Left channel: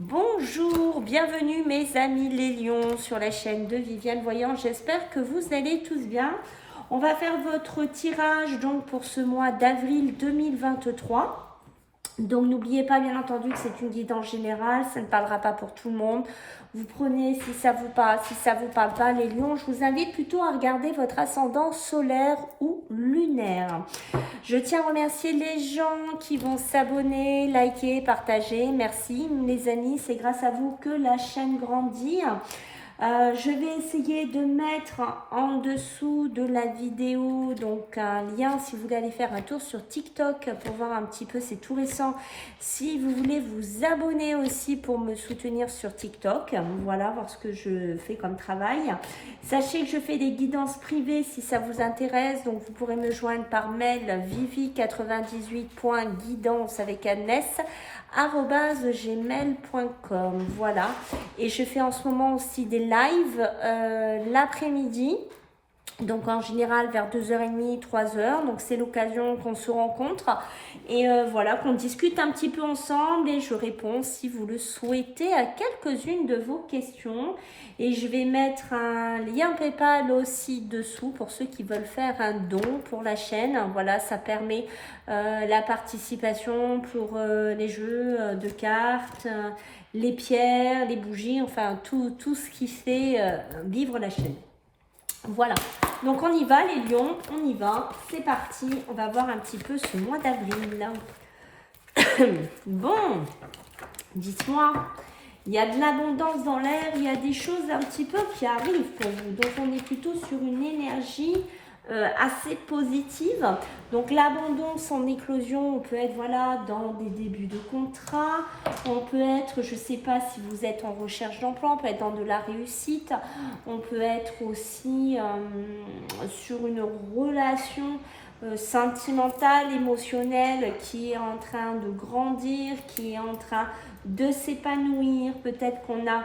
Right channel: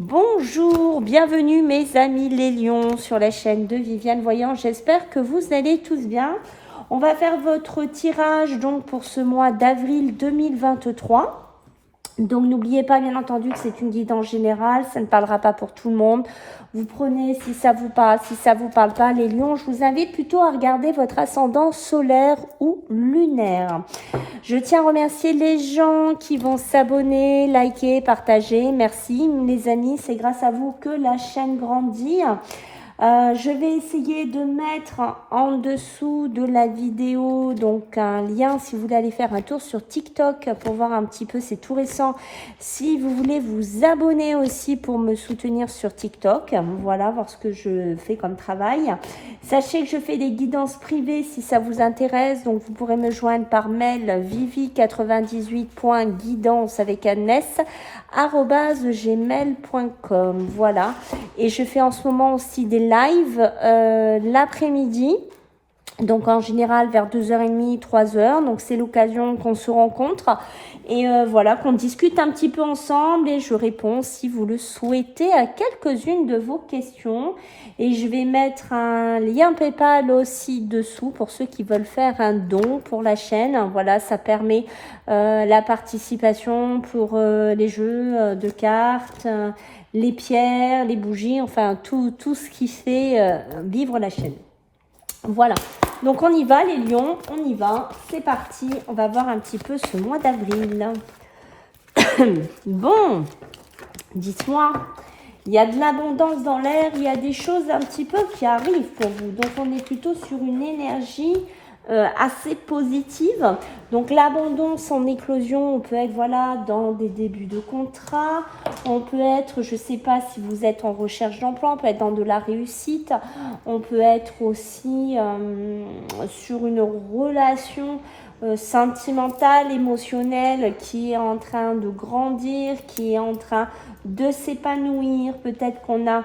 Bonjour, bienvenue mes amis les lions sur la chaîne de Viviane Voyant. J'espère que vous allez tous bien. On va faire votre tirage donc pour ce mois d'avril 2023. Donc n'oubliez pas bien entendu que c'est une guidance générale, ça ne parlera pas pour tout le monde. Vous prenez si ça vous parle, si ça vous parle pas. Les lions, je vous invite plutôt à regarder votre ascendant solaire ou lunaire. Je tiens à remercier les gens qui vont s'abonner, liker, partager. Merci les amis, c'est grâce à vous que la chaîne grandit. Je vais essayer de mettre en dessous de la vidéo donc un lien si vous voulez aller faire un tour sur TikTok pour voir un petit peu, c'est tout récent. Si vous voulez vous abonner aussi pour me soutenir sur TikTok, voilà, voir ce que je fais comme travail. Sachez que je fais des guidances privées si ça vous intéresse, donc vous pourrez me joindre par mail vivi98.guidance avec un s @gmail.com. Voilà, et je fais en ce moment aussi des lives l'après-midi, donc en général vers 2h30, 3h, donc c'est l'occasion qu'on se rencontre et voilà, qu'on discute un petit peu ensemble et je réponds si vous le souhaitez à quelques-unes de vos questions. Et je vais mettre un lien PayPal aussi dessous pour ceux qui veulent faire un don pour la chaîne. Voilà, ça permet la participation pour les jeux de cartes, les pierres, les bougies, enfin tout ce qui fait vivre la chaîne. Voilà, donc on y va les lions, on y va, c'est parti. On va voir un petit peu ce mois d'avril. Bon, dites-moi. Il y a de l'abondance dans l'air, il y a des choses un petit peu qui arrivent pour vous. Donc, on est plutôt sur une énergie assez positive. Donc, l'abondance en éclosion, on peut être voilà, dans des débuts de contrat. On peut être, je ne sais pas si vous êtes en recherche d'emploi, on peut être dans de la réussite. On peut être aussi sur une relation sentimentale, émotionnelle qui est en train de grandir, qui est en train de s'épanouir. Peut-être qu'on a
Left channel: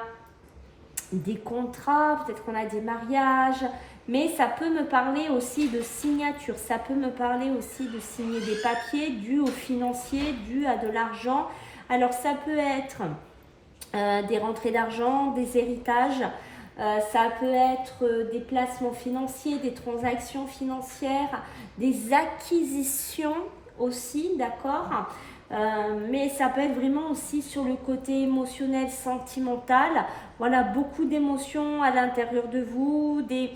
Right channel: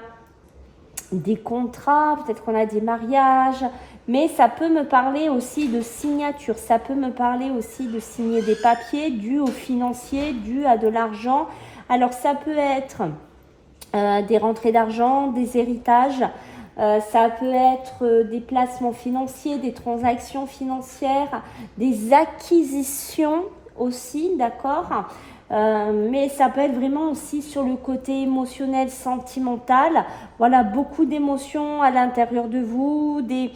des contrats, peut-être qu'on a des mariages, mais ça peut me parler aussi de signature, ça peut me parler aussi de signer des papiers dus aux financiers, dus à de l'argent. Alors ça peut être des rentrées d'argent, des héritages, ça peut être des placements financiers, des transactions financières, des acquisitions aussi, d'accord, mais ça peut être vraiment aussi sur le côté émotionnel, sentimental. Voilà, beaucoup d'émotions à l'intérieur de vous, des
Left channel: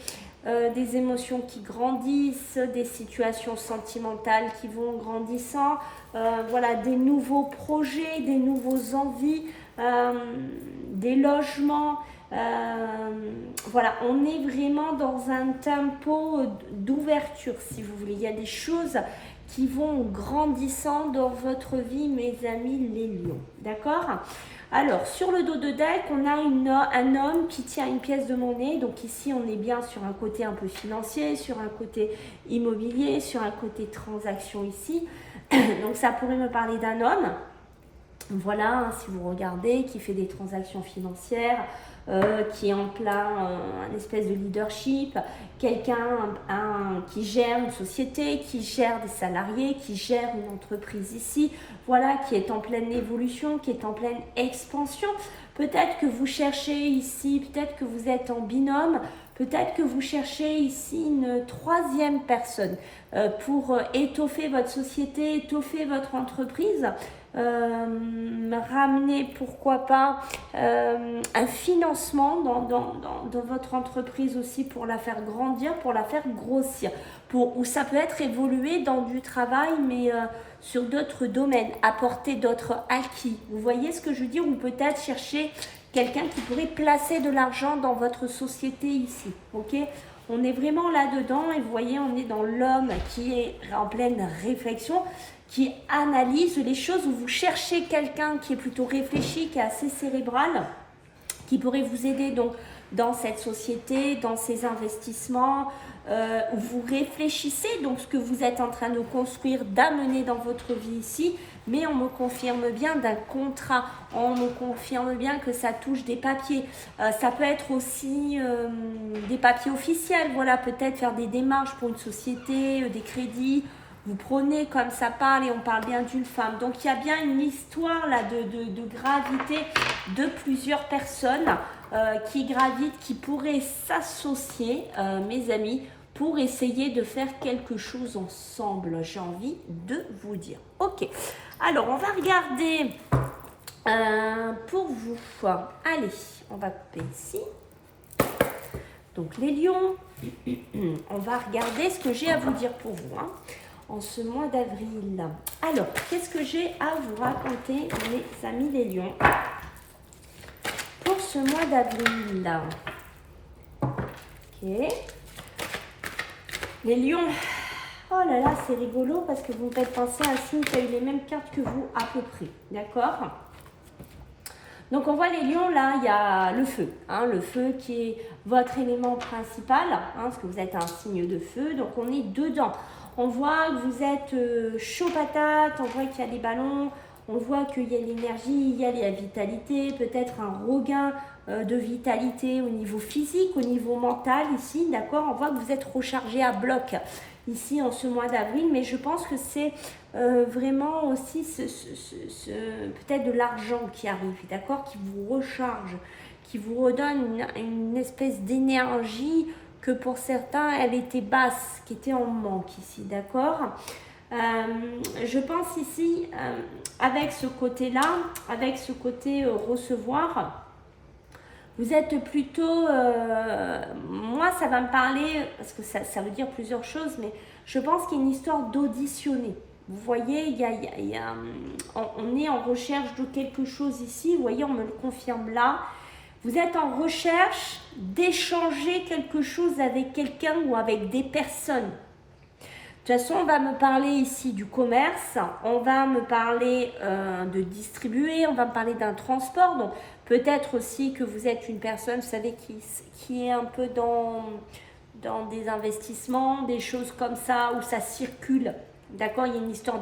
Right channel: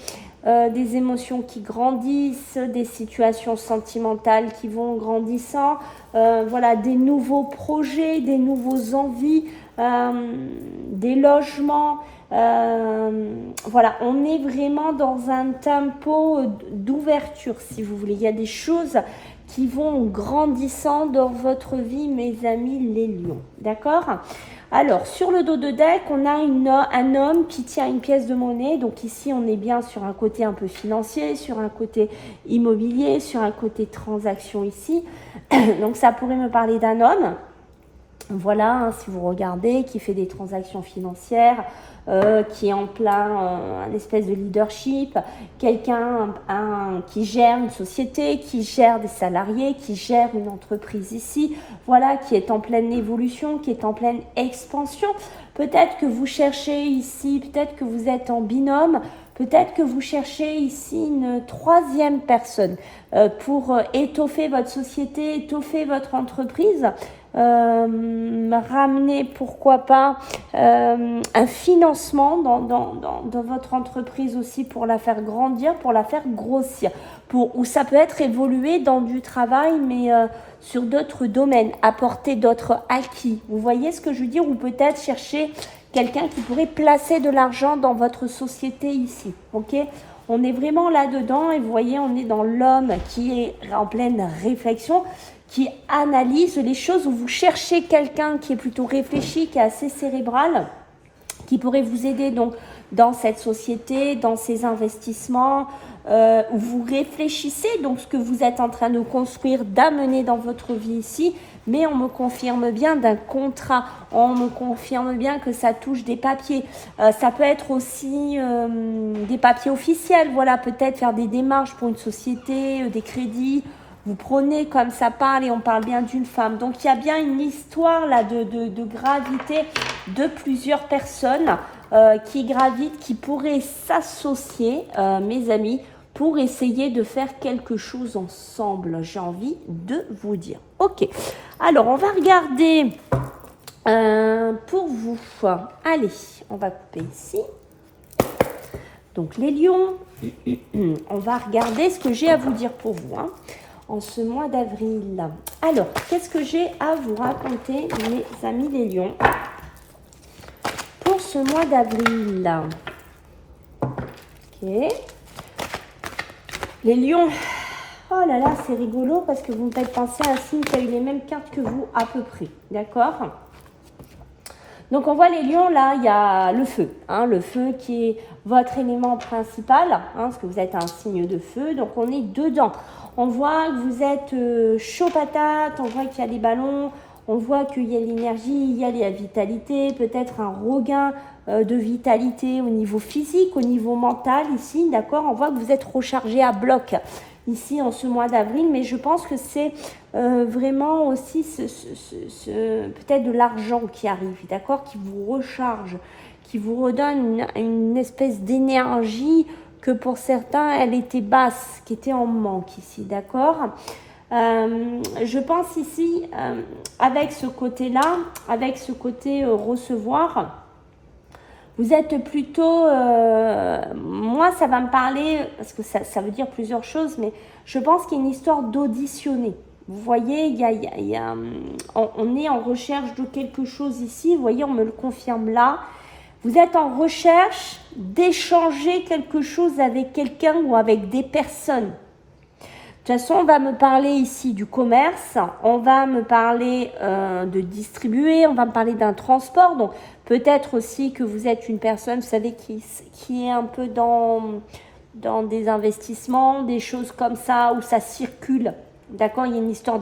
émotions qui grandissent, des situations sentimentales qui vont grandissant, voilà, des nouveaux projets, des nouveaux envies, des logements. Voilà, on est vraiment dans un tempo d'ouverture, si vous voulez. Il y a des choses qui vont grandissant dans votre vie, mes amis les lions. D'accord? Alors, sur le dos de deck, on a un homme qui tient une pièce de monnaie. Donc ici, on est bien sur un côté un peu financier, sur un côté immobilier, sur un côté transaction ici. Donc ça pourrait me parler d'un homme. Voilà, hein, si vous regardez, qui fait des transactions financières, qui est en plein un espèce de leadership, quelqu'un qui gère une société, qui gère des salariés, qui gère une entreprise ici, voilà, qui est en pleine évolution, qui est en pleine expansion. Peut-être que vous cherchez ici, peut-être que vous êtes en binôme, peut-être que vous cherchez ici une troisième personne pour étoffer votre société, étoffer votre entreprise. Ramener pourquoi pas un financement dans votre entreprise aussi pour la faire grandir, pour la faire grossir, ou ça peut être évoluer dans du travail mais sur d'autres domaines, apporter d'autres acquis. Vous voyez ce que je veux dire? Ou peut-être chercher quelqu'un qui pourrait placer de l'argent dans votre société ici, ok? On est vraiment là-dedans et vous voyez, on est dans l'homme qui est en pleine réflexion, qui analyse les choses, où vous cherchez quelqu'un qui est plutôt réfléchi, qui est assez cérébral, qui pourrait vous aider donc dans cette société, dans ces investissements, où vous réfléchissez donc ce que vous êtes en train de construire, d'amener dans votre vie ici, mais on me confirme bien d'un contrat, on me confirme bien que ça touche des papiers, ça peut être aussi des papiers officiels, voilà, peut-être faire des démarches pour une société, des crédits. vous prenez comme ça parle et on parle bien d'une femme. Donc il y a bien une histoire là de gravité de plusieurs personnes qui gravitent, qui pourraient s'associer, mes amis, pour essayer de faire quelque chose ensemble. J'ai envie de vous dire. Ok, alors on va regarder pour vous. Allez, on va couper ici. Donc les lions, on va regarder ce que j'ai à vous dire pour vous en ce mois d'avril. Alors, qu'est-ce que j'ai à vous raconter, mes amis les lions, pour ce mois d'avril? Ok. Les lions, oh là là, c'est rigolo parce que vous me faites penser à un signe qui a eu les mêmes cartes que vous à peu près. D'accord? Donc on voit les lions, là, il y a le feu. Le feu qui est votre élément principal, parce que vous êtes un signe de feu. Donc on est dedans. On voit que vous êtes chaud patate, on voit qu'il y a des ballons, on voit qu'il y a l'énergie, il y a la vitalité, peut-être un regain de vitalité au niveau physique, au niveau mental ici, d'accord? On voit que vous êtes rechargé à bloc ici en ce mois d'avril, mais je pense que c'est vraiment aussi peut-être de l'argent qui arrive, d'accord, qui vous recharge, qui vous redonne une espèce d'énergie que pour certains, elle était basse, qui était en manque ici, d'accord. Je pense ici, avec ce côté-là, avec ce côté recevoir, vous êtes plutôt, moi ça va me parler, parce que ça veut dire plusieurs choses, mais je pense qu'il y a une histoire d'auditionner. Vous voyez, on est en recherche de quelque chose ici, vous voyez, on me le confirme là. Vous êtes en recherche d'échanger quelque chose avec quelqu'un ou avec des personnes. De toute façon, on va me parler ici du commerce, on va me parler de distribuer, on va me parler d'un transport. Donc, peut-être aussi que vous êtes une personne, vous savez, qui est un peu dans des investissements, des choses comme ça, où ça circule. D'accord? Il y a une histoire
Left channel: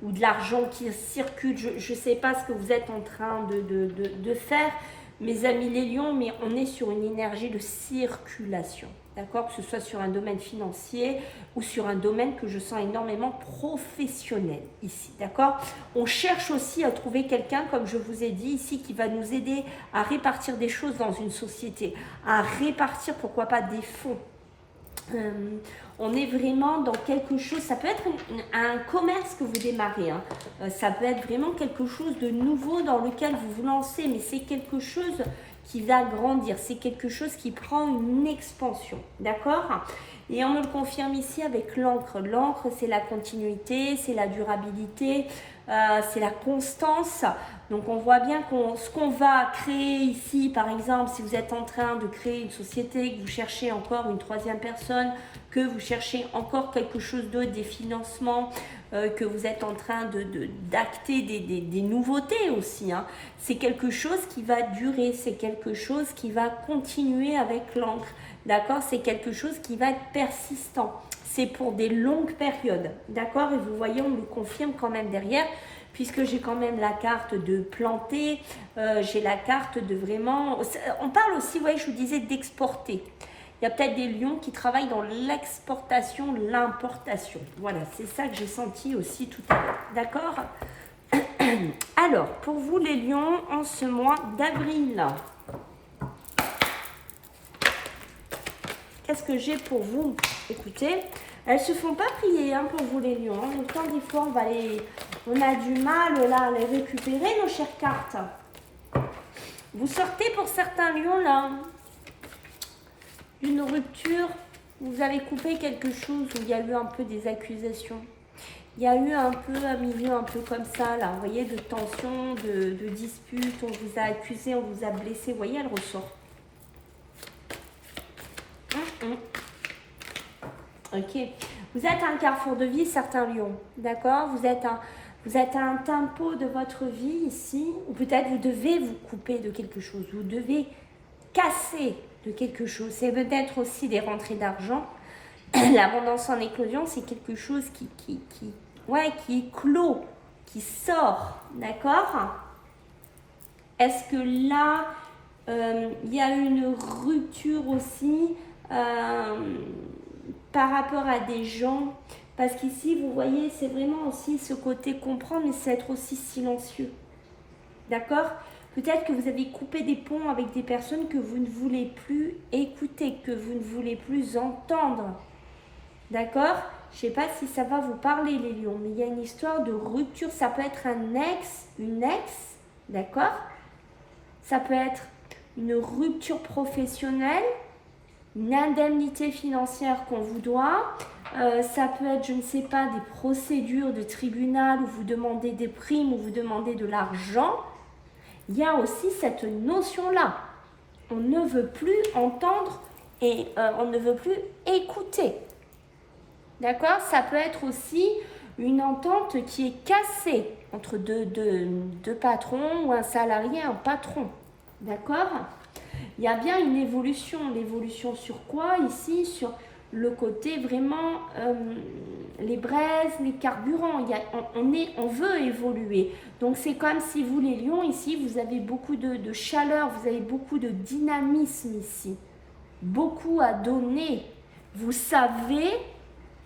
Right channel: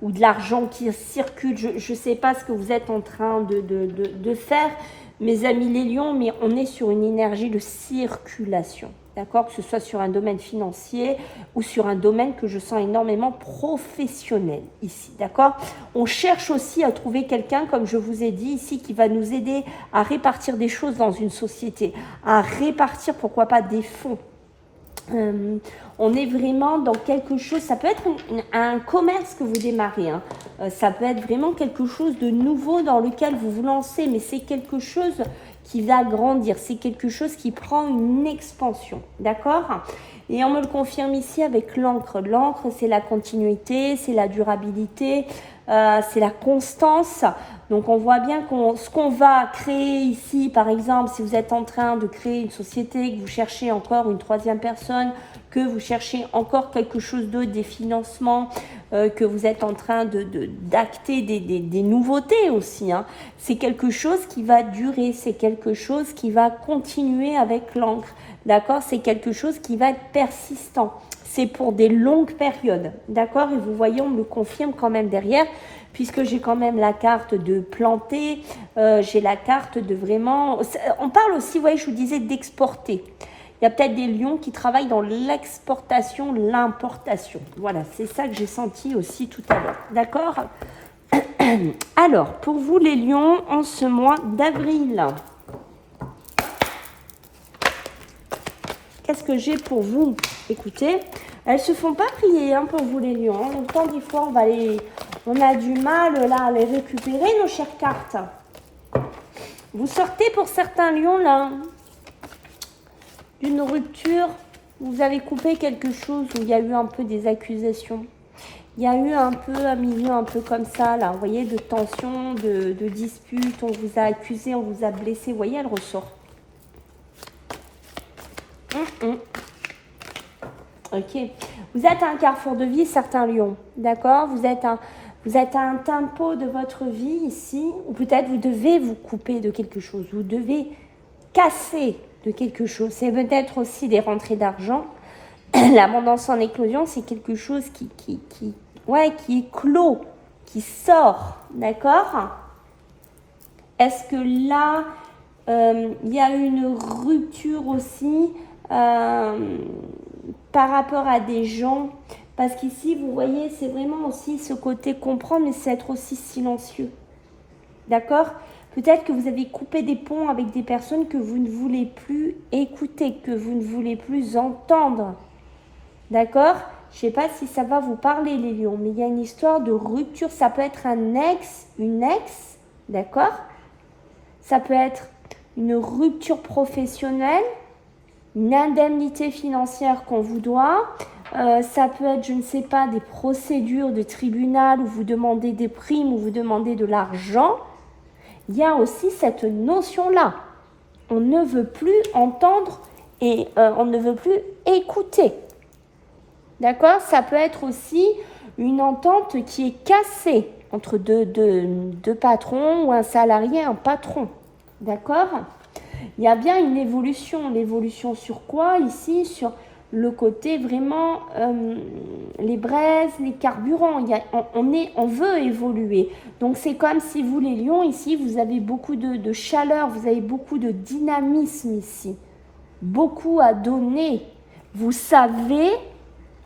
ou de l'argent qui circule. Je ne sais pas ce que vous êtes en train de faire, mes amis les lions, mais on est sur une énergie de circulation. D'accord? Que ce soit sur un domaine financier ou sur un domaine que je sens énormément professionnel ici. D'accord? On cherche aussi à trouver quelqu'un, comme je vous ai dit ici, qui va nous aider à répartir des choses dans une société, à répartir, pourquoi pas, des fonds. On est vraiment dans quelque chose, ça peut être un commerce que vous démarrez, ça peut être vraiment quelque chose de nouveau dans lequel vous vous lancez, mais c'est quelque chose qui va grandir, c'est quelque chose qui prend une expansion, d'accord? Et on me le confirme ici avec l'encre. L'encre, c'est la continuité, c'est la durabilité, c'est la constance. Donc on voit bien ce qu'on va créer ici, par exemple, si vous êtes en train de créer une société, que vous cherchez encore une troisième personne, que vous cherchez encore quelque chose d'autre, des financements, que vous êtes en train d'acter des nouveautés aussi. C'est quelque chose qui va durer, c'est quelque chose qui va continuer avec l'encre. D'accord? C'est quelque chose qui va être persistant. C'est pour des longues périodes. D'accord? Et vous voyez, on me le confirme quand même derrière, puisque j'ai quand même la carte de planter, j'ai la carte de vraiment... On parle aussi, vous voyez, je vous disais d'exporter. Il y a peut-être des lions qui travaillent dans l'exportation, l'importation. Voilà, c'est ça que j'ai senti aussi tout à l'heure. D'accord? Alors, pour vous les lions, en ce mois d'avril, qu'est-ce que j'ai pour vous? Écoutez, elles se font pas prier pour vous les lions. En même temps, des fois, on a du mal là, à les récupérer, nos chères cartes. Vous sortez pour certains lions là d'une rupture, vous avez coupé quelque chose où il y a eu un peu des accusations. Il y a eu un peu un milieu un peu comme ça, là, vous voyez, de tension, de dispute, on vous a accusé, on vous a blessé, vous voyez, elle ressort. Ok. Vous êtes à un carrefour de vie, certains lions, d'accord? Vous êtes à un tempo de votre vie ici, ou peut-être vous devez vous couper de quelque chose, vous devez casser de quelque chose. C'est peut-être aussi des rentrées d'argent. L'abondance en éclosion, c'est quelque chose qui est clos, qui sort, d'accord? Est-ce que là, il y a une rupture aussi par rapport à des gens, Parce qu'ici, vous voyez, c'est vraiment aussi ce côté comprendre, mais c'est être aussi silencieux. D'accord? Peut-être que vous avez coupé des ponts avec des personnes que vous ne voulez plus écouter, que vous ne voulez plus entendre. D'accord? Je ne sais pas si ça va vous parler, les lions, mais il y a une histoire de rupture. Ça peut être un ex, une ex, d'accord? Ça peut être une rupture professionnelle, une indemnité financière qu'on vous doit. Ça peut être, je ne sais pas, des procédures de tribunal où vous demandez des primes, où vous demandez de l'argent. Il y a aussi cette notion-là. On ne veut plus entendre et on ne veut plus écouter. D'accord? Ça peut être aussi une entente qui est cassée entre deux patrons ou un salarié et un patron. D'accord? Il y a bien une évolution. L'évolution sur quoi ici? Sur le côté vraiment les braises, les carburants. On veut évoluer. Donc c'est comme si vous les lions ici, vous avez beaucoup de chaleur, vous avez beaucoup de dynamisme ici. Beaucoup à donner. Vous savez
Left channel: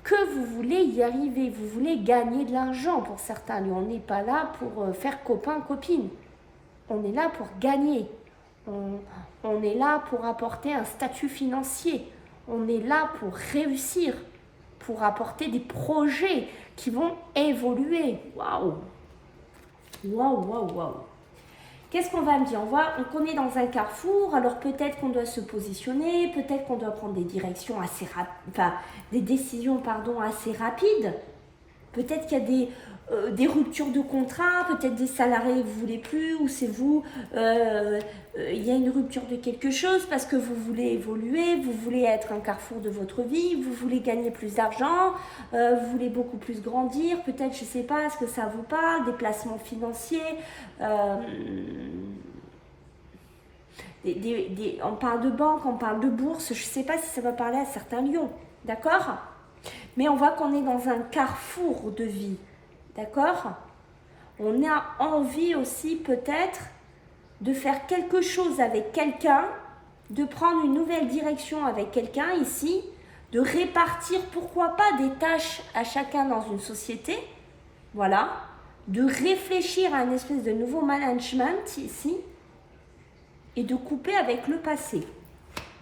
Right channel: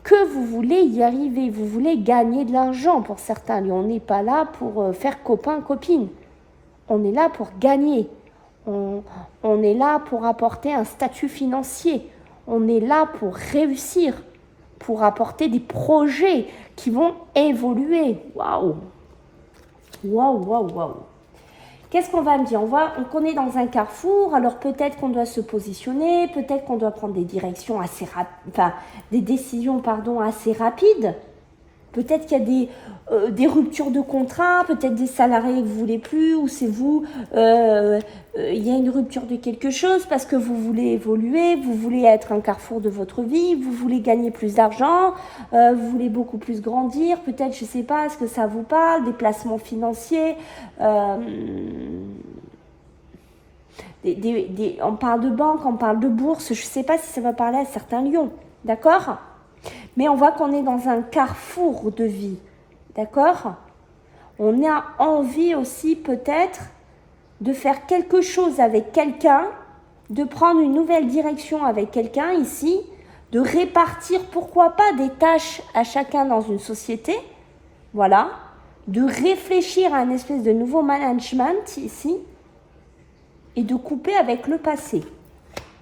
que vous voulez y arriver, vous voulez gagner de l'argent pour certains lions. On n'est pas là pour faire copain-copine. On est là pour gagner. On est là pour apporter un statut financier. On est là pour réussir, pour apporter des projets qui vont évoluer. Waouh! Waouh, waouh, waouh! Qu'est-ce qu'on va me dire? On est dans un carrefour, alors peut-être qu'on doit se positionner, peut-être qu'on doit prendre des directions assez des décisions assez rapides. Peut-être qu'il y a des ruptures de contrat, peut-être des salariés que vous ne voulez plus, ou c'est vous, il y a une rupture de quelque chose parce que vous voulez évoluer, vous voulez être un carrefour de votre vie, vous voulez gagner plus d'argent, vous voulez beaucoup plus grandir, peut-être, je ne sais pas, est-ce que ça vous parle, des placements financiers, on parle de banque, on parle de bourse, je ne sais pas si ça va parler à certains lions, d'accord? Mais on voit qu'on est dans un carrefour de vie, d'accord? On a envie aussi peut-être de faire quelque chose avec quelqu'un, de prendre une nouvelle direction avec quelqu'un ici, de répartir, pourquoi pas, des tâches à chacun dans une société, voilà, de réfléchir à un espèce de nouveau management ici, et de couper avec le passé.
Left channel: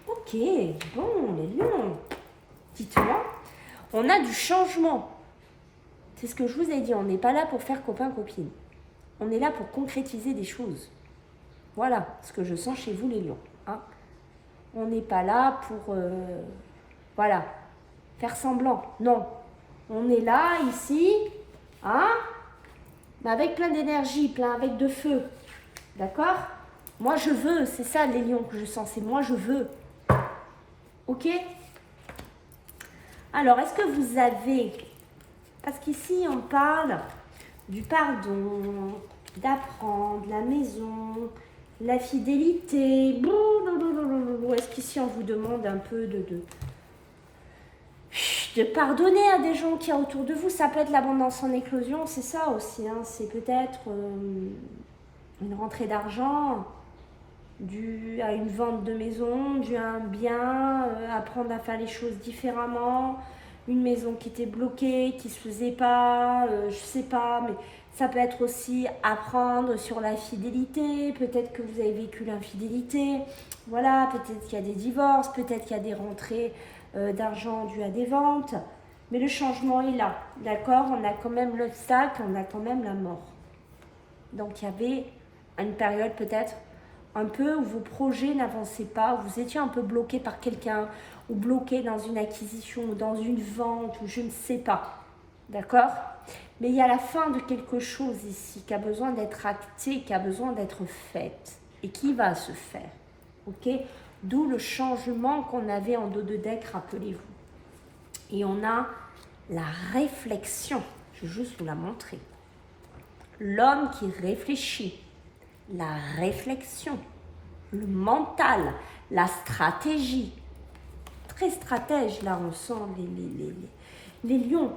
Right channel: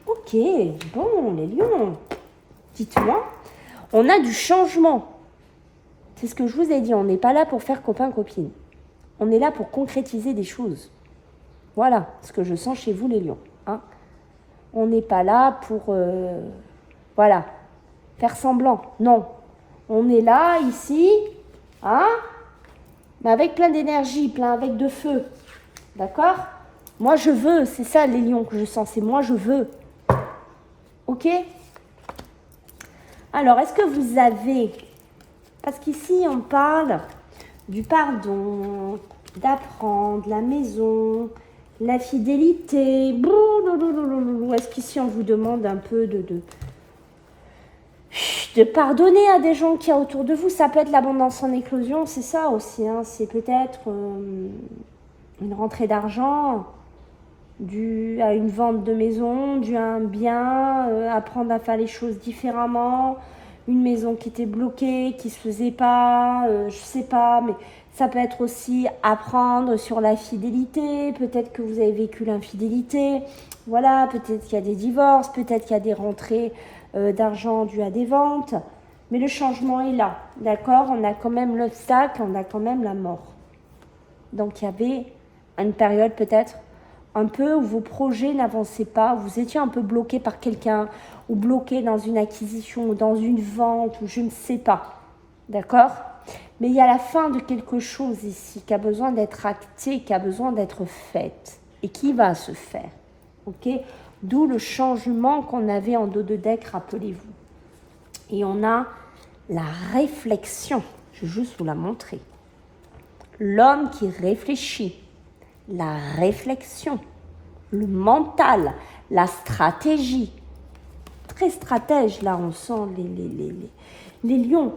Ok, bon, les lions, dites-moi. On a du changement. C'est ce que je vous ai dit, on n'est pas là pour faire copain-copine. On est là pour concrétiser des choses. Voilà ce que je sens chez vous les lions. Hein. On n'est pas là pour faire semblant. Non. On est là, ici, hein, mais avec plein d'énergie, avec de feu. D'accord? Moi je veux, c'est ça les lions que je sens, c'est moi je veux. Ok? Alors, est-ce que vous avez, parce qu'ici on parle du pardon, d'apprendre, la maison, la fidélité, est-ce qu'ici on vous demande un peu de pardonner à des gens qui y a autour de vous? Ça peut être l'abondance en éclosion, c'est ça aussi, hein, c'est peut-être une rentrée d'argent, dû à une vente de maison, dû à un bien, apprendre à faire les choses différemment, une maison qui était bloquée, qui se faisait pas, je sais pas, mais ça peut être aussi apprendre sur la fidélité, peut-être que vous avez vécu l'infidélité, voilà, peut-être qu'il y a des divorces, peut-être qu'il y a des rentrées d'argent dues à des ventes, mais le changement est là, d'accord? On a quand même l'obstacle, on a quand même la mort. Donc il y avait une période peut-être un peu où vos projets n'avançaient pas, où vous étiez un peu bloqué par quelqu'un, ou bloqué dans une acquisition, ou dans une vente, ou je ne sais pas. D'accord? Mais il y a la fin de quelque chose ici qui a besoin d'être acté, qui a besoin d'être faite, et qui va se faire. Ok? D'où le changement qu'on avait en dos de deck, rappelez-vous. Et on a la réflexion. Je vais juste vous la montrer. L'homme qui réfléchit. La réflexion, le mental, la stratégie. Très stratège, là, on sent les lions.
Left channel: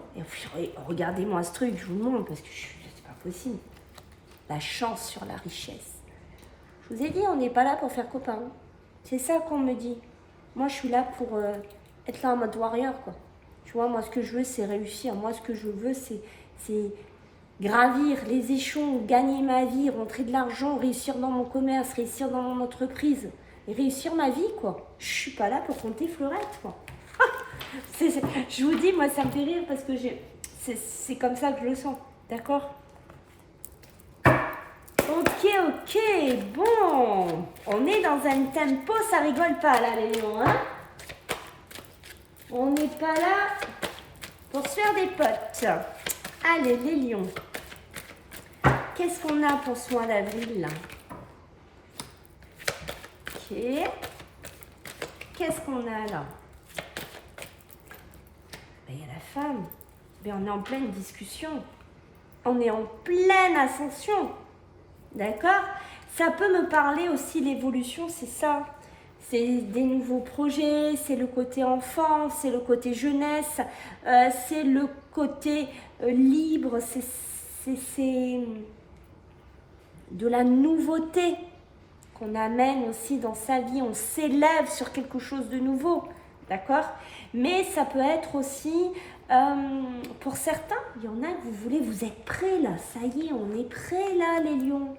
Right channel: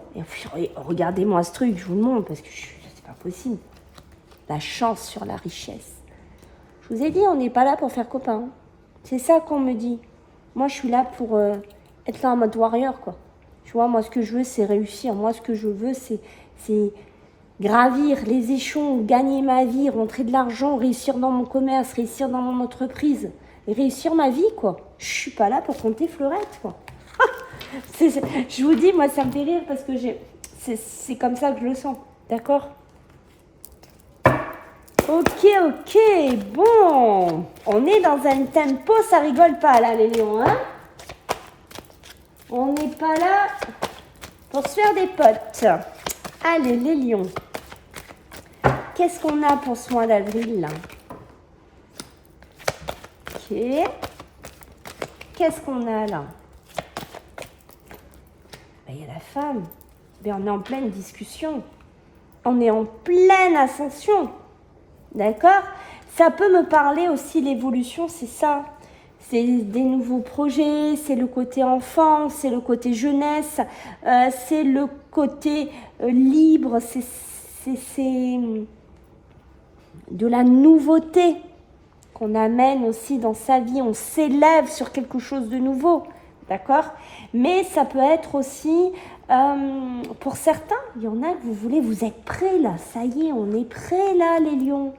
Et regardez-moi ce truc, je vous le montre, parce que c'est pas possible. La chance sur la richesse. Je vous ai dit, on n'est pas là pour faire copain. C'est ça qu'on me dit. Moi, je suis là pour être là en mode warrior, quoi. Tu vois, moi, ce que je veux, c'est réussir. Moi, ce que je veux, c'est gravir les échelons, gagner ma vie, rentrer de l'argent, réussir dans mon commerce, réussir dans mon entreprise. Et réussir ma vie, quoi. Je suis pas là pour compter fleurettes, quoi. Je vous dis, moi, ça me fait rire parce que c'est comme ça que je le sens. D'accord? Ok, bon. On est dans un tempo, ça rigole pas, là, les lions, hein? On n'est pas là pour se faire des potes. Allez, les lions. Qu'est-ce qu'on a pour ce mois d'avril, là? Ok. Qu'est-ce qu'on a, là? Il y a la femme. Mais on est en pleine discussion. On est en pleine ascension. D'accord? Ça peut me parler aussi, l'évolution, c'est ça. C'est des nouveaux projets, c'est le côté enfant, c'est le côté jeunesse, c'est le côté libre, c'est de la nouveauté qu'on amène aussi dans sa vie. On s'élève sur quelque chose de nouveau, d'accord? Mais ça peut être aussi, pour certains, il y en a que vous êtes prêts là, ça y est, on est prêts là les lions.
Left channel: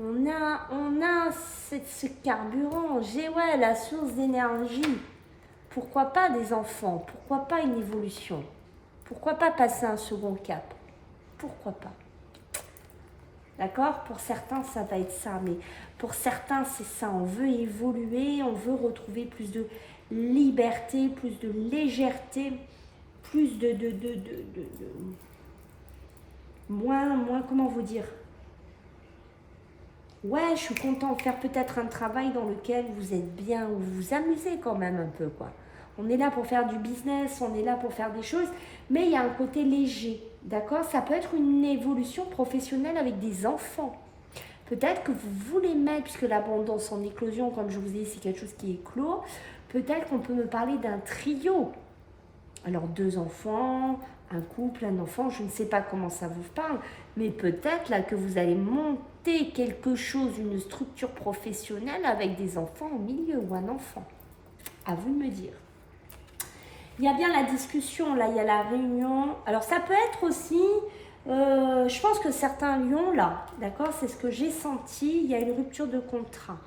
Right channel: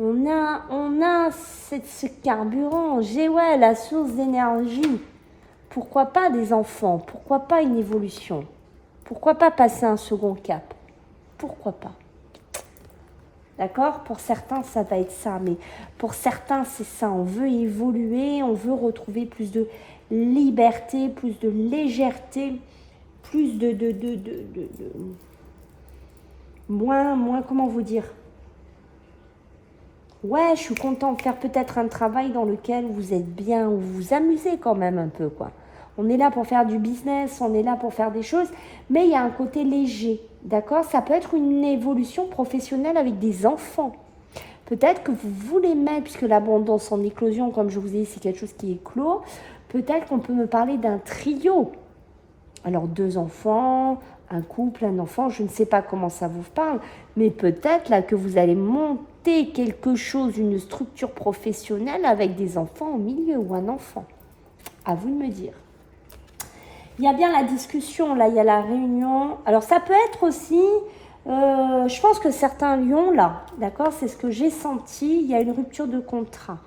On a ce carburant, ouais, la source d'énergie. Pourquoi pas des enfants? Pourquoi pas une évolution? Pourquoi pas passer un second cap? Pourquoi pas? D'accord? Pour certains, ça va être ça. Mais pour certains, c'est ça. On veut évoluer, on veut retrouver plus de liberté, plus de légèreté, plus moins, comment vous dire? Ouais, je suis contente de faire peut-être un travail dans lequel vous êtes bien, où vous vous amusez quand même un peu, quoi. On est là pour faire du business, on est là pour faire des choses, mais il y a un côté léger, d'accord? Ça peut être une évolution professionnelle avec des enfants. Peut-être que vous voulez mettre, puisque l'abondance en éclosion, comme je vous ai dit, c'est quelque chose qui est clos, peut-être qu'on peut me parler d'un trio. Alors, 2 enfants, un couple, un enfant, je ne sais pas comment ça vous parle, mais peut-être là que vous allez monter quelque chose, une structure professionnelle avec des enfants au milieu ou un enfant. À vous de me dire. Il y a bien la discussion, là, il y a la réunion. Alors, ça peut être aussi, je pense que certains lions, là, d'accord, c'est ce que j'ai senti, il y a une rupture de contrat.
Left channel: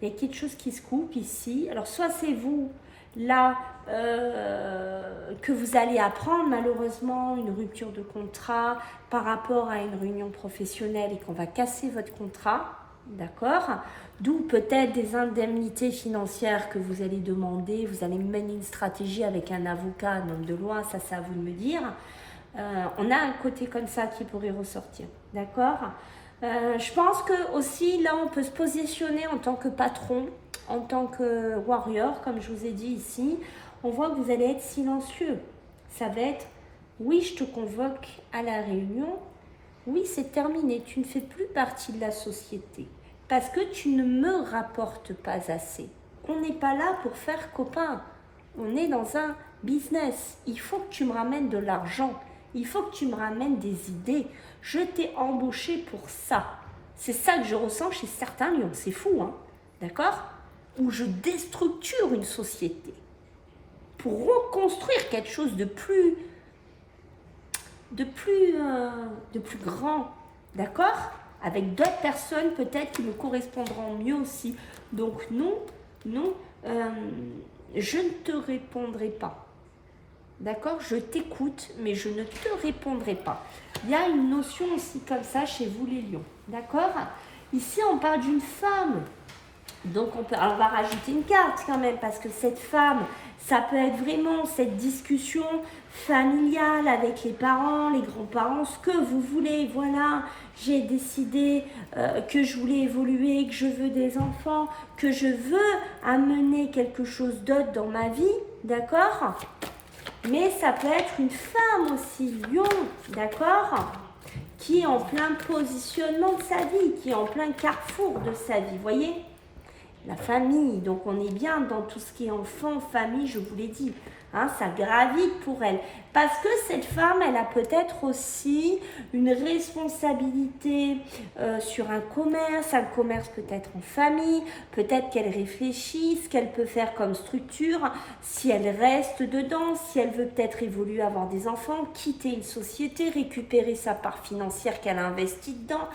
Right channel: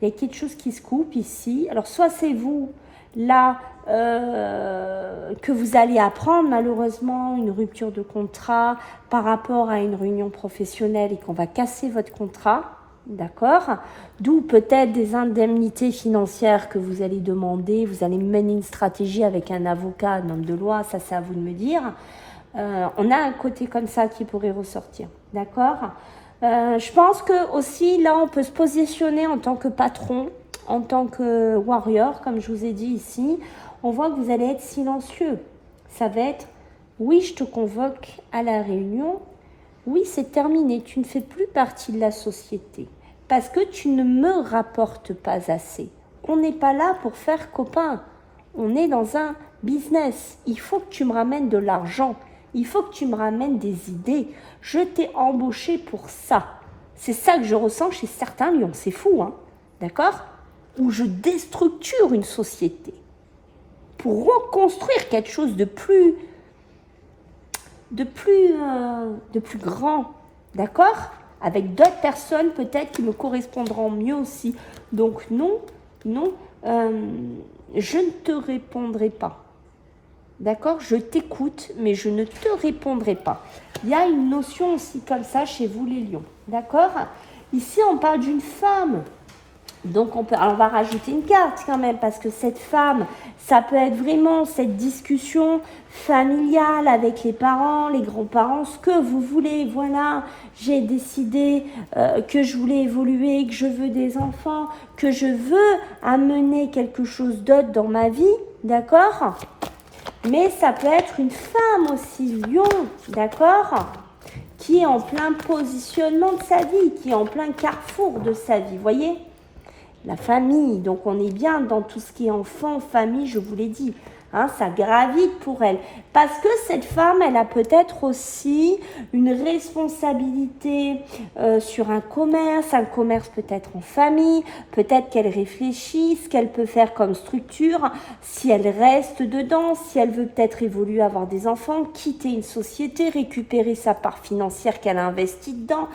Il y a quelque chose qui se coupe ici. Alors, soit c'est vous, là, que vous allez apprendre malheureusement une rupture de contrat par rapport à une réunion professionnelle et qu'on va casser votre contrat, d'accord? D'où peut-être des indemnités financières que vous allez demander, vous allez mener une stratégie avec un avocat, un homme de loi, ça c'est à vous de me dire. On a un côté comme ça qui pourrait ressortir, d'accord? Je pense que aussi là on peut se positionner en tant que patron, en tant que warrior, comme je vous ai dit ici. On voit que vous allez être silencieux. Ça va être, oui, je te convoque à la réunion. Oui, c'est terminé. Tu ne fais plus partie de la société parce que tu ne me rapportes pas assez. On n'est pas là pour faire copain. On est dans un business. Il faut que tu me ramènes de l'argent. Il faut que tu me ramènes des idées. Je t'ai embauché pour ça. C'est ça que je ressens chez certains lions. C'est fou, hein? D'accord? Où je déstructure une société pour reconstruire quelque chose de plus grand, d'accord? Avec d'autres personnes peut-être qui me correspondront mieux aussi. Donc non, je ne te répondrai pas. D'accord? Je t'écoute, mais je ne te répondrai pas. Il y a une notion aussi comme ça chez vous les lions. D'accord? Ici, on parle d'une femme. Donc, on va rajouter une carte quand même, parce que cette femme, ça peut être vraiment cette discussion familiale avec les parents, les grands-parents, ce que vous voulez. Voilà, j'ai décidé que je voulais évoluer, que je veux des enfants, que je veux amener quelque chose d'autre dans ma vie, d'accord? Mais ça peut être une femme aussi, lion, d'accord? Qui est en plein positionnement de sa vie, qui est en plein carrefour de sa vie, voyez? La famille, donc on est bien dans tout ce qui est enfant, famille, je vous l'ai dit. Hein, ça gravite pour elle. Parce que cette femme, elle a peut-être aussi une responsabilité sur un commerce peut-être en famille, peut-être qu'elle réfléchit ce qu'elle peut faire comme structure, si elle reste dedans, si elle veut peut-être évoluer, avoir des enfants, quitter une société, récupérer sa part financière qu'elle a investie dedans.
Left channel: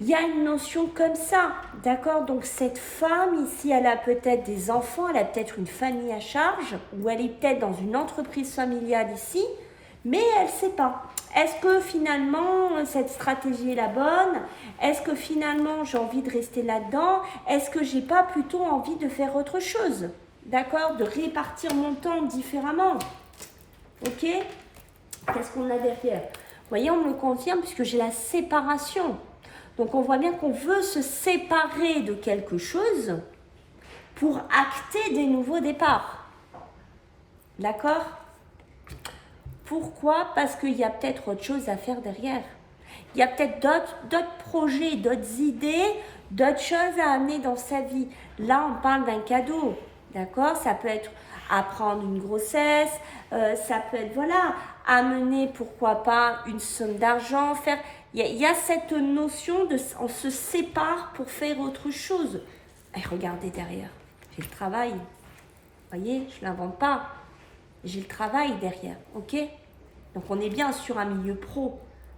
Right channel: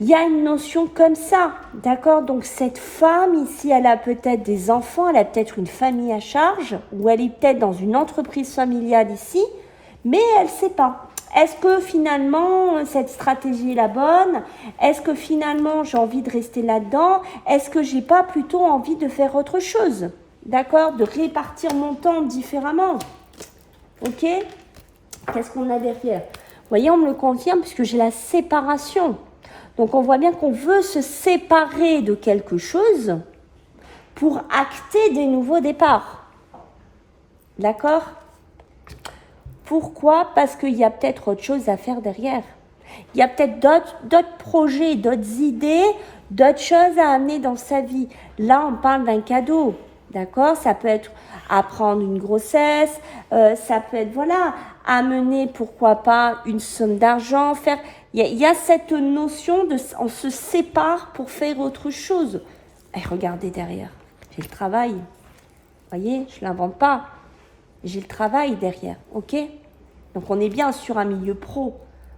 Il y a une notion comme ça, d'accord? Donc cette femme ici, elle a peut-être des enfants, elle a peut-être une famille à charge, ou elle est peut-être dans une entreprise familiale ici, mais elle ne sait pas. Est-ce que finalement cette stratégie est la bonne? Est-ce que finalement j'ai envie de rester là-dedans? Est-ce que j'ai pas plutôt envie de faire autre chose? D'accord? De répartir mon temps différemment. Ok? Qu'est-ce qu'on a derrière? Vous voyez, on me le confirme puisque j'ai la séparation. Donc on voit bien qu'on veut se séparer de quelque chose pour acter des nouveaux départs. D'accord? Pourquoi? Parce qu'il y a peut-être autre chose à faire derrière. Il y a peut-être d'autres projets, d'autres idées, d'autres choses à amener dans sa vie. Là, on parle d'un cadeau. D'accord? Ça peut être apprendre une grossesse, ça peut être, voilà, amener, pourquoi pas, une somme d'argent, faire... Il y a cette notion de on se sépare pour faire autre chose. Et regardez derrière, j'ai le travail. Vous voyez, je ne l'invente pas. J'ai le travail derrière, ok? Donc on est bien sur un milieu pro.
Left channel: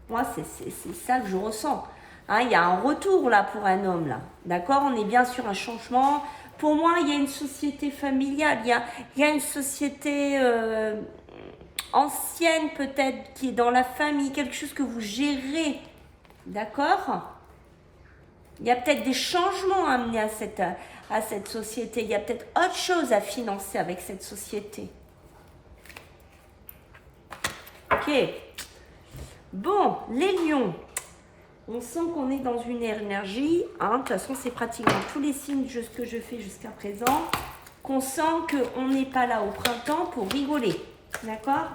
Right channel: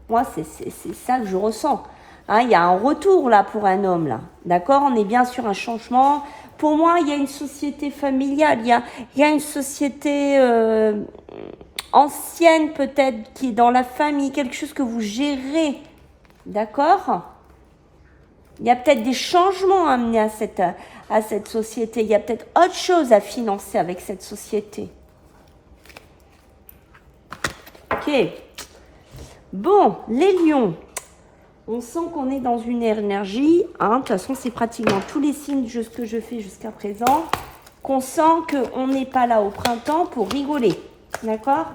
Moi, c'est ça que je ressens. Hein, il y a un retour là pour un homme là. D'accord? On est bien sur un changement. Pour moi, il y a une société familiale. Il y a une société ancienne peut-être qui est dans la famille, quelque chose que vous gérez. D'accord? Il y a peut-être des changements à amener à cette société. Il y a peut-être autre chose à financer avec cette société. Ok. Bon, les lions. On sent qu'on est dans une énergie. Hein, de toute façon, c'est pratiquement tous les signes que je fais jusqu'à présent. Qu'on sent qu'on n'est pas là au printemps pour rigoler. D'accord?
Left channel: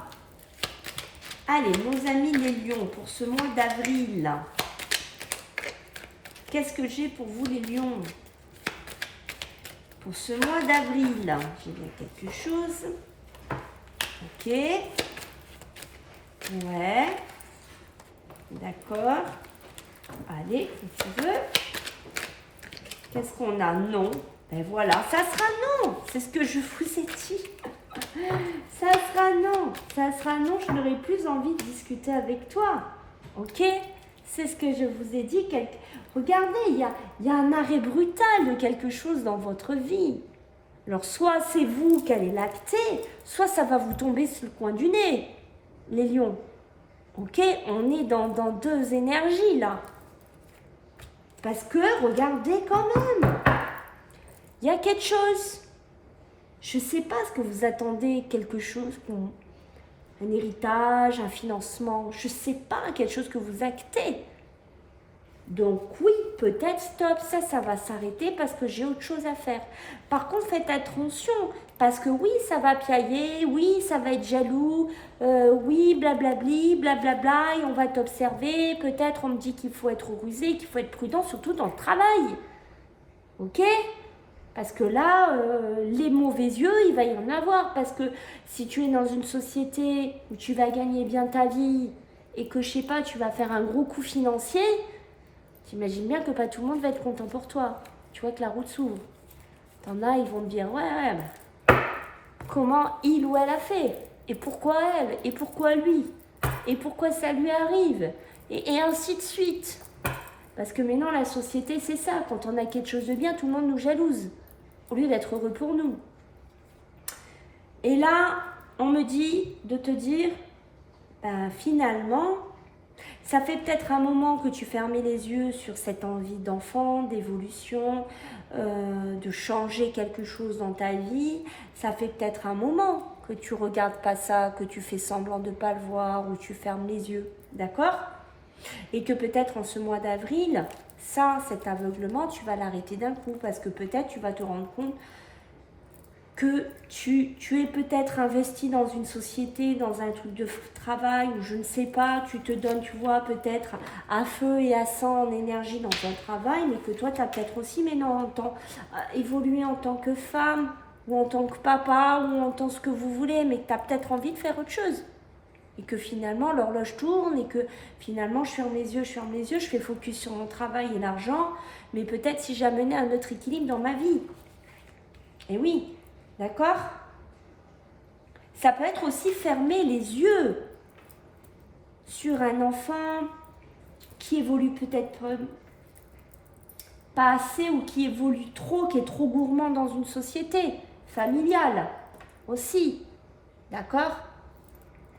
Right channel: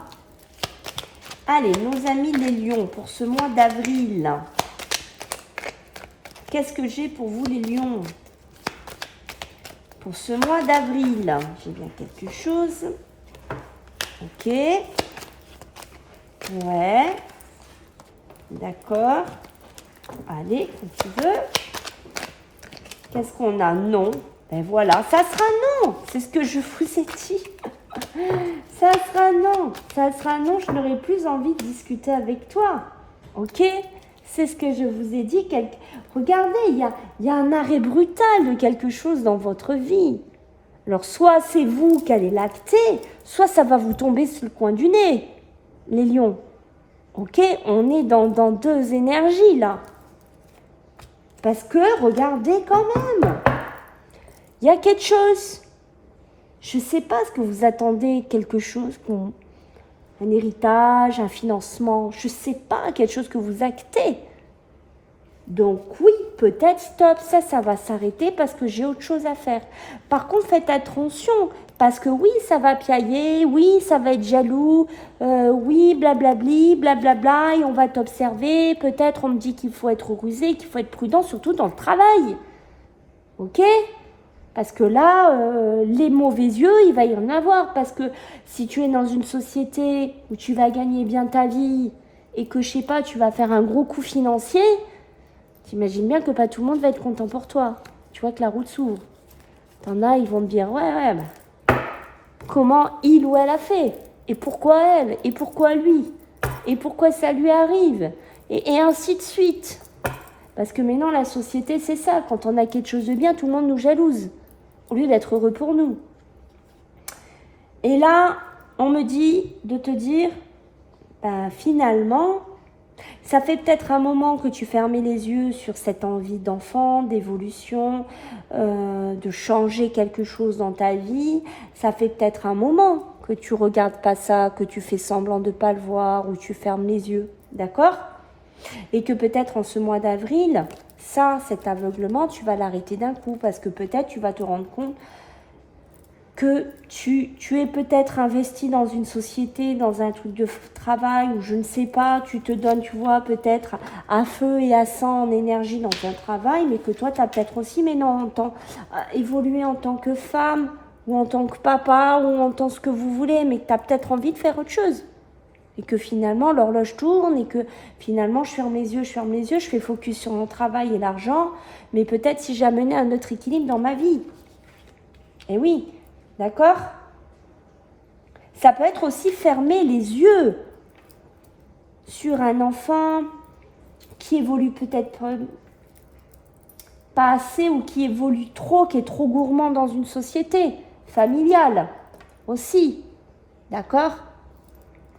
Allez, nos amis les lions, pour ce mois d'avril. Qu'est-ce que j'ai pour vous les lions? Pour ce mois d'avril, j'ai bien quelque chose. Ok. Ouais. D'accord. Allez, quand tu veux. Qu'est-ce qu'on a? Non. Ben voilà, ça sera non. C'est ce que je vous ai dit. Ça sera non. Ça sera non, je n'aurai plus envie de discuter avec toi. Ok? C'est ce que je vous ai dit. Regardez, il y a un arrêt brutal de quelque chose dans votre vie. Alors, soit c'est vous qui allez l'acter, soit ça va vous tomber sur le coin du nez, les lions. Ok? On est dans deux énergies, là. Parce que, regardez quand même. Il y a quelque chose. Je ne sais pas ce que vous attendez, quelque chose, un héritage, un financement. Je ne sais pas, quelque chose que vous actez. Donc oui, peut-être stop, ça va s'arrêter parce que j'ai autre chose à faire. Par contre, faites attention, parce que oui, ça va piailler, oui, ça va être jaloux, oui, blablabli, blablabla, et on va t'observer, peut-être on me dit qu'il faut être rusé, qu'il faut être prudent, surtout dans le travail. Ok? Parce que là, les mauvais yeux, il va y en avoir, parce que si tu es dans une société où tu vas gagner bien ta vie, et que, je sais pas, tu vas faire un gros coup financier, t'imagines bien que pas tout le monde va être content pour toi. Tu vois que la route s'ouvre. T'en as, ils vont te dire, ouais, comment il ou elle a fait? Et pourquoi elle? Et pourquoi lui? Et pourquoi ça lui arrive? Et ainsi de suite. Parce que maintenant, la société, c'est ça. Quand on a quelque chose de bien, tout le monde nous jalouse. Au lieu d'être heureux pour nous. Et là, on me dit de te dire, finalement, ça fait peut-être un moment que tu fermais les yeux sur cette envie d'enfant, d'évolution, de changer quelque chose dans ta vie. Ça fait peut-être un moment que tu regardes pas ça, que tu fais semblant de pas le voir ou tu fermes les yeux, d'accord? Et que peut-être en ce mois d'avril, cet aveuglement, tu vas l'arrêter d'un coup parce que peut-être tu vas te rendre compte que tu es peut-être investi dans une société, dans un truc de travail, ou je ne sais pas, tu te donnes, tu vois, peut-être à feu et à sang en énergie dans ton travail, mais que toi, tu as peut-être aussi, mais non, évolué en tant que femme, ou en tant que papa, ou en tant que ce que vous voulez, mais que tu as peut-être envie de faire autre chose. Et que finalement, l'horloge tourne, et que finalement, je ferme les yeux, je fais focus sur mon travail et l'argent, mais peut-être si j'amenais un autre équilibre dans ma vie. Et oui, d'accord? Ça peut être aussi fermer les yeux sur un enfant qui évolue peut-être pas assez ou qui évolue trop, qui est trop gourmand dans une société familiale aussi, d'accord?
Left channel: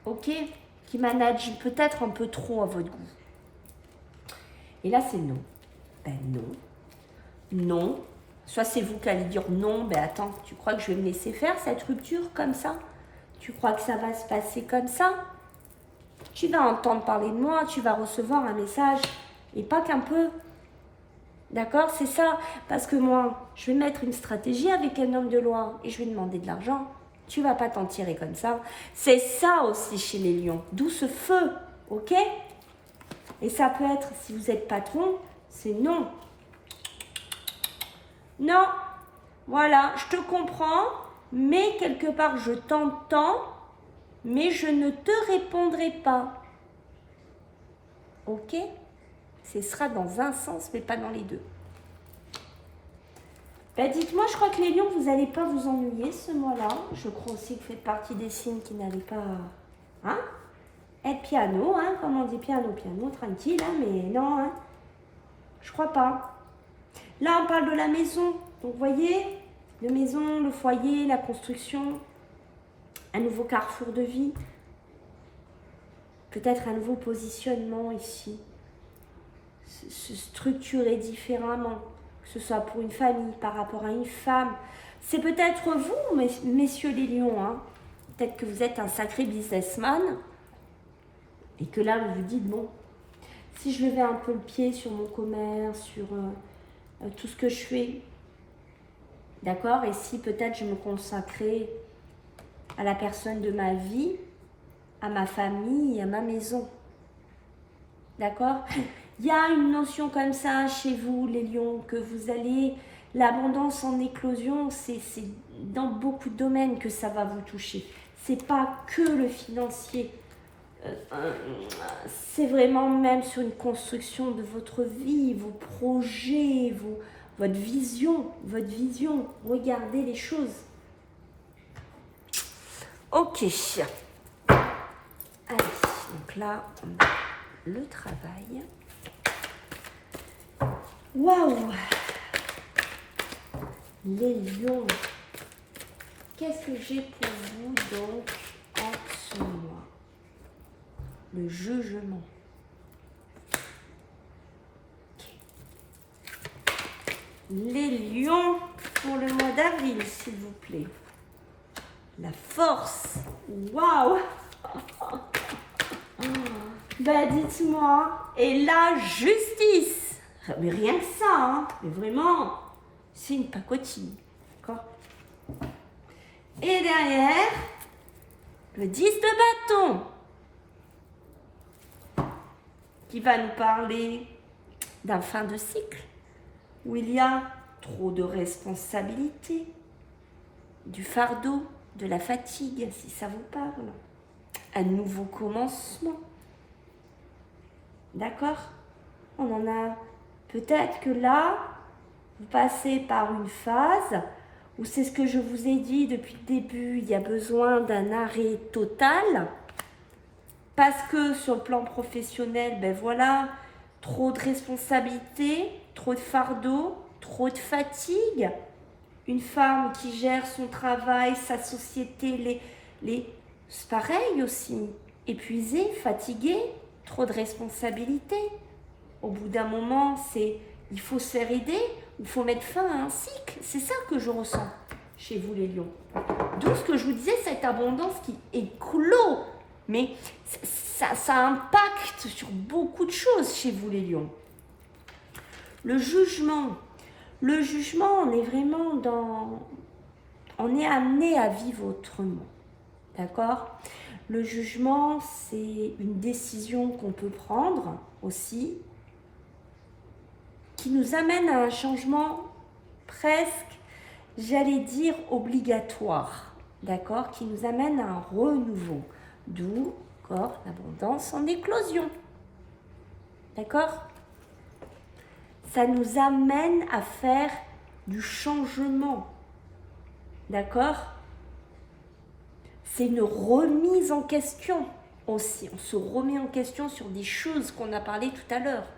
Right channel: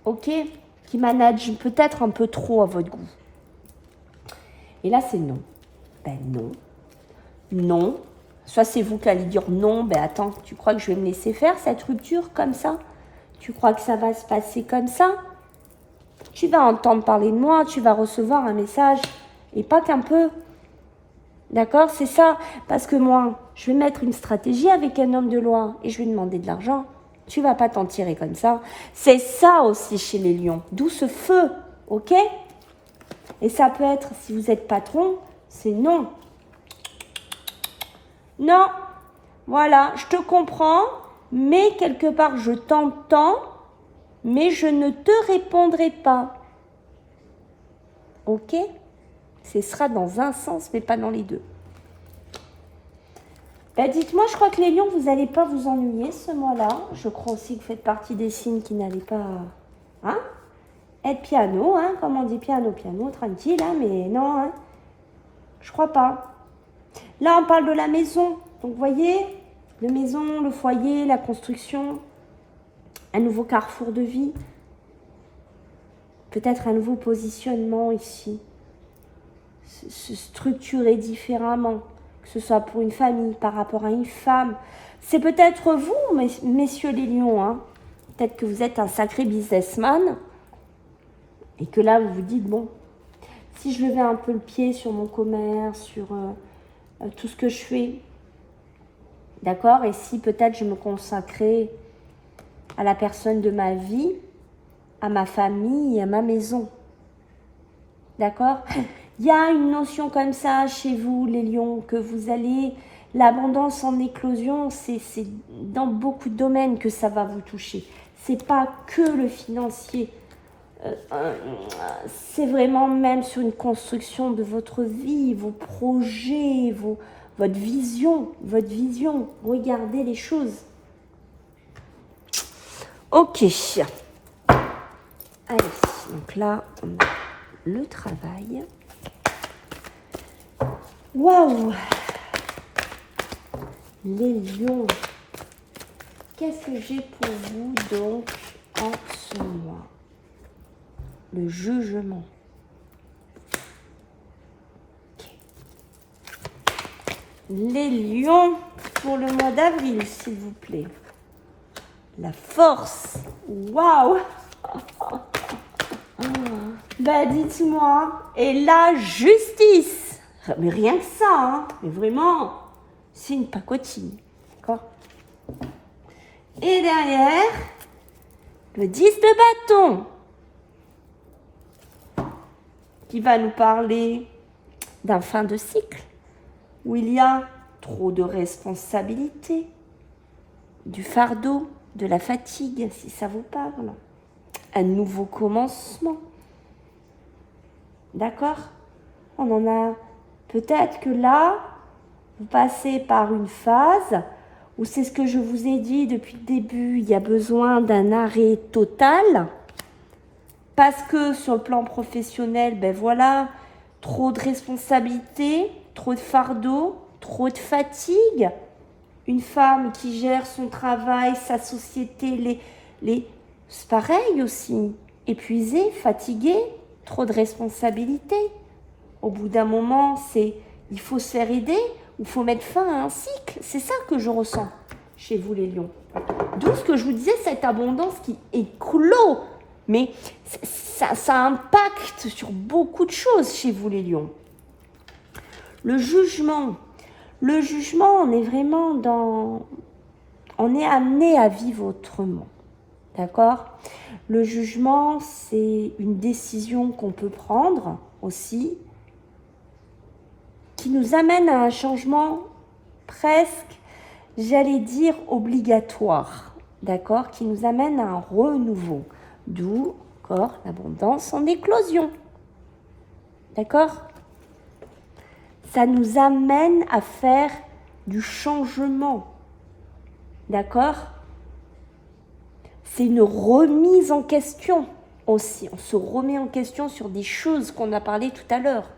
Ok? Qui manage peut-être un peu trop à votre goût. Et là, c'est non. Ben non. Non. Soit c'est vous qui allez dire non, ben attends, tu crois que je vais me laisser faire cette rupture comme ça? Tu crois que ça va se passer comme ça? Tu vas entendre parler de moi, tu vas recevoir un message, et pas qu'un peu. D'accord? C'est ça. Parce que moi, je vais mettre une stratégie avec un homme de loi et je vais demander de l'argent. Tu vas pas t'en tirer comme ça. C'est ça aussi chez les lions. D'où ce feu, ok? Et ça peut être, si vous êtes patron, c'est non. Non, voilà, je te comprends, mais quelque part, je t'entends, mais je ne te répondrai pas. Ok? Ce sera dans un sens, mais pas dans les deux. Ben dites-moi, je crois que les lions, vous n'allez pas vous ennuyer ce mois-là. Je crois aussi que vous faites partie des signes qui n'allaient pas être piano, comme on dit piano, tranquille, mais non, je crois pas. Là, on parle de la maison. Donc, vous voyez, la maison, le foyer, la construction, un nouveau carrefour de vie. Peut-être un nouveau positionnement ici. Se structurer différemment, que ce soit pour une famille, par rapport à une femme. C'est peut-être vous, messieurs les lions. Peut-être que vous êtes un sacré businessman et que là, vous vous dites, bon, si je levais un peu le pied sur mon commerce, sur tout ce que je fais, d'accord? Et si peut-être je me consacrais à la personne de ma vie, à ma famille et à ma maison. D'accord? Il y a une notion comme ça chez vous, les lions, que vous allez... L'abondance en éclosion, c'est dans beaucoup de domaines que ça va vous toucher. C'est pas que le financier. C'est vraiment même sur une construction de votre vie, vos projets, votre vision. Regardez les choses. Ok. Allez, donc là, on a le travail. Waouh! Les lions. Qu'est-ce que j'ai pour vous donc en ce mois? Le jugement. Okay. Les lions pour le mois d'avril, s'il vous plaît. La force. Waouh! Ben dites-moi. Et la justice. Mais rien que ça, mais vraiment, c'est une pacotille. D'accord? Et derrière, le 10 de bâton, qui va nous parler d'un fin de cycle, où il y a trop de responsabilités, du fardeau, de la fatigue, si ça vous parle. Un nouveau commencement. D'accord? On en a peut-être que là, vous passez par une phase où c'est ce que je vous ai dit depuis le début, il y a besoin d'un arrêt total parce que sur le plan professionnel, ben voilà, trop de responsabilités, trop de fardeau, trop de fatigue. Une femme qui gère son travail, sa société, c'est pareil aussi. Épuisée, fatiguée, trop de responsabilités. Au bout d'un moment, il faut se faire aider ou il faut mettre fin à un cycle. C'est ça que je ressens chez vous les lions. D'où ce que je vous disais, cette abondance qui éclot. Mais ça impacte sur beaucoup de choses chez vous les lions. Le jugement. Le jugement, on est vraiment on est amené à vivre autrement. D'accord? Le jugement, c'est une décision qu'on peut prendre aussi, qui nous amène à un changement presque j'allais dire, obligatoire, d'accord, qui nous amène à un renouveau, d'où, encore, l'abondance en éclosion, d'accord? Ça nous amène à faire du changement, d'accord? C'est une remise en question aussi, on se remet en question sur des choses qu'on a parlé tout à l'heure.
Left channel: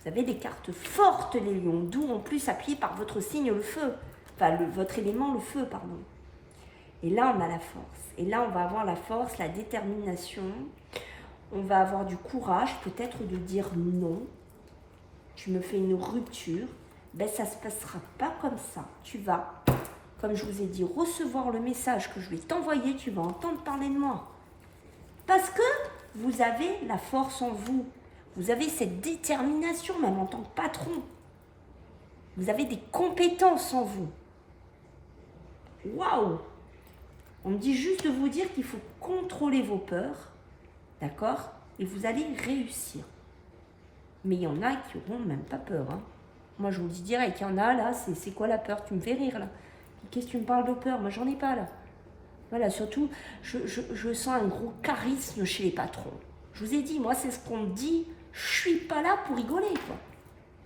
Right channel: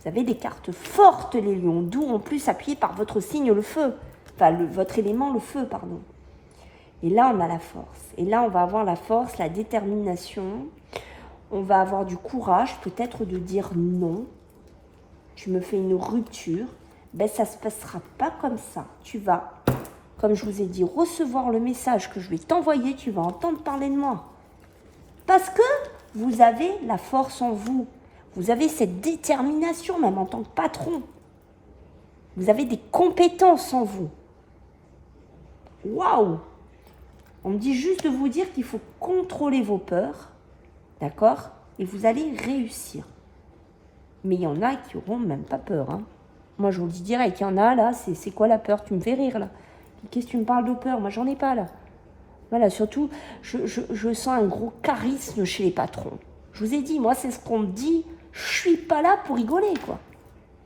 Vous avez des cartes fortes, les lions, d'où en plus appuyé par votre signe, le feu. Enfin, votre élément, le feu, pardon. Et là, on a la force. Et là, on va avoir la force, la détermination. On va avoir du courage, peut-être de dire non. Tu me fais une rupture. Ben, ça ne se passera pas comme ça. Tu vas, comme je vous ai dit, recevoir le message que je vais t'envoyer. Tu vas entendre parler de moi. Parce que vous avez la force en vous. Vous avez cette détermination, même en tant que patron. Vous avez des compétences en vous. Waouh! On me dit juste de vous dire qu'il faut contrôler vos peurs, d'accord? Et vous allez réussir. Mais il y en a qui n'auront même pas peur. Hein. Moi, je vous le dis direct, il y en a là, c'est quoi la peur? Tu me fais rire là. Qu'est-ce que tu me parles de peur? Moi, j'en ai pas là. Voilà, surtout, je sens un gros charisme chez les patrons. Je vous ai dit, moi, c'est ce qu'on me dit. Je suis pas là pour rigoler, quoi.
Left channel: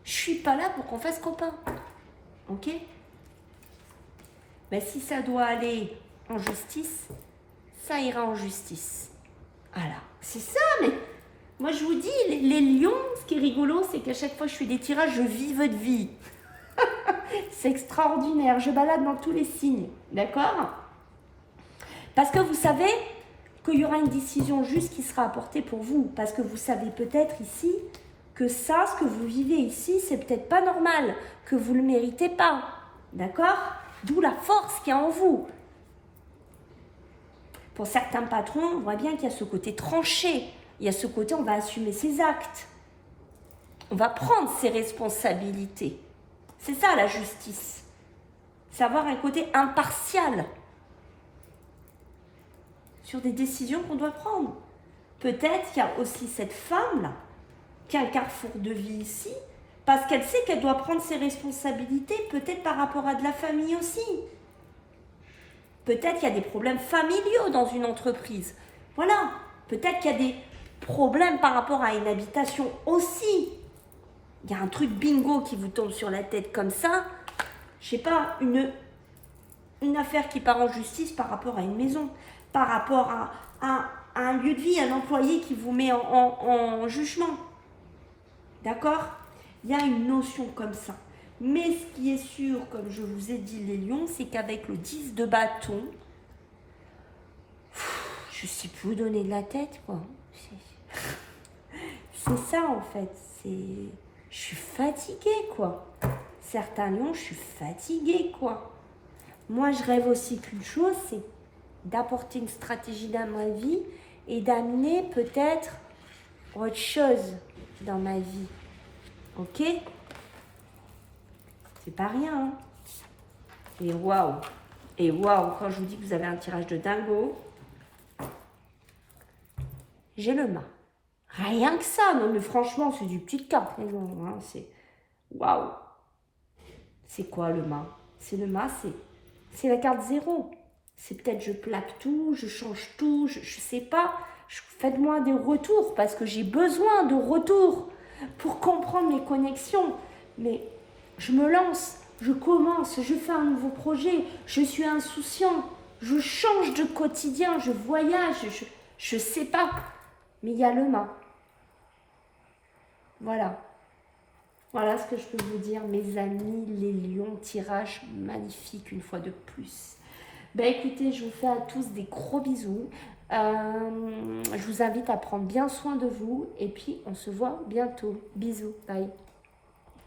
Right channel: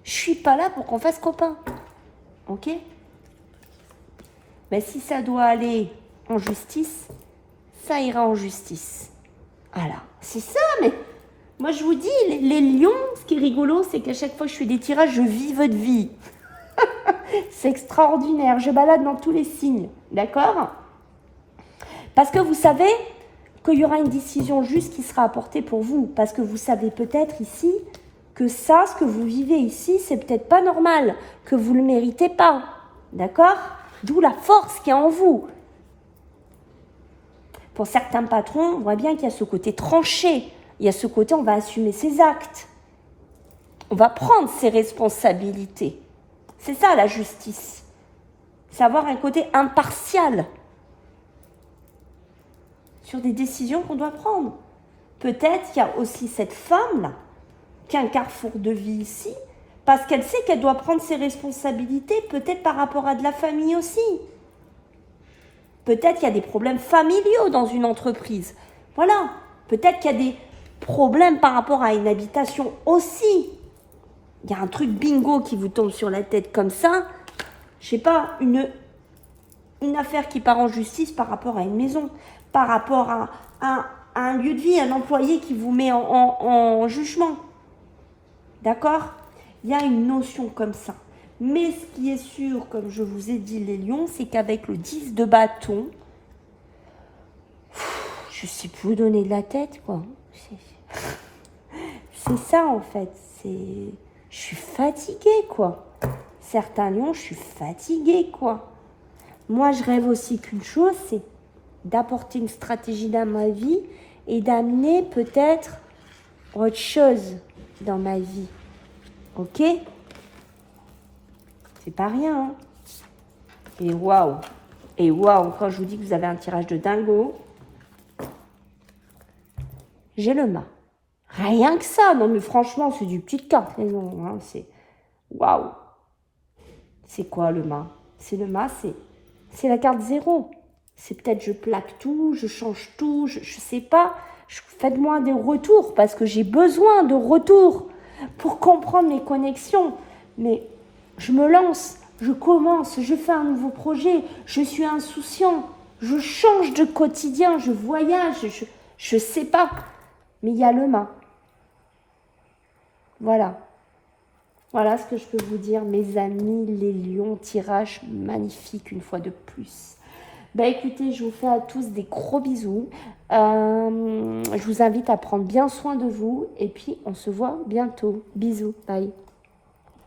Je suis pas là pour qu'on fasse copain. Ok? Mais si ça doit aller en justice, ça ira en justice. Voilà, c'est ça, mais moi je vous dis, les lions, ce qui est rigolo, c'est qu'à chaque fois que je fais des tirages, je vis votre vie. C'est extraordinaire, je balade dans tous les signes, d'accord? Parce que vous savez qu'il y aura une décision juste qui sera apportée pour vous. Parce que vous savez peut-être ici que ça, ce que vous vivez ici, c'est peut-être pas normal, que vous ne le méritez pas. D'accord? D'où la force qui est en vous. Pour certains patrons, on voit bien qu'il y a ce côté tranché. Il y a ce côté, on va assumer ses actes. On va prendre ses responsabilités. C'est ça la justice. C'est avoir un côté impartial sur des décisions qu'on doit prendre. Peut-être qu'il y a aussi cette femme-là qui a un carrefour de vie ici, parce qu'elle sait qu'elle doit prendre ses responsabilités, peut-être par rapport à de la famille aussi. Peut-être qu'il y a des problèmes familiaux dans une entreprise. Voilà. Peut-être qu'il y a des problèmes par rapport à une habitation aussi. Il y a un truc bingo qui vous tombe sur la tête comme ça. Je sais pas, une affaire qui part en justice par rapport à une maison, par rapport à un lieu de vie, un employé qui vous met en jugement. D'accord? Il y a une notion comme ça. Mais ce qui est sûr, comme je vous ai dit les lions, c'est qu'avec le 10 de bâton, je ne sais plus où donner de la tête, quoi. C'est ça, en fait. Je suis fatiguée, quoi. Certains lions, je suis fatiguée, quoi. Moi, je rêve aussi qu'une chose, c'est d'apporter une stratégie dans ma vie et d'amener peut-être autre chose dans ma vie. Ok? C'est pas rien, hein? Et waouh! Et waouh! Quand je vous dis que vous avez un tirage de dingo, j'ai le mât. Rien que ça! Non, mais franchement, c'est du petit carte. Hein, c'est waouh! C'est quoi le mât? C'est le mât, c'est la carte 0. C'est peut-être je plaque tout, je change tout, je sais pas. Faites-moi des retours parce que j'ai besoin de retours pour comprendre mes connexions. Mais je me lance, je commence, je fais un nouveau projet, je suis insouciant, je change de quotidien, je voyage, je sais pas. Mais il y a le mât. Voilà. Voilà ce que je peux vous dire, mes amis, les lions, tirage magnifique une fois de plus. Ben écoutez, je vous fais à tous des gros bisous. Je vous invite à prendre bien soin de vous et puis on se voit bientôt. Bisous, bye.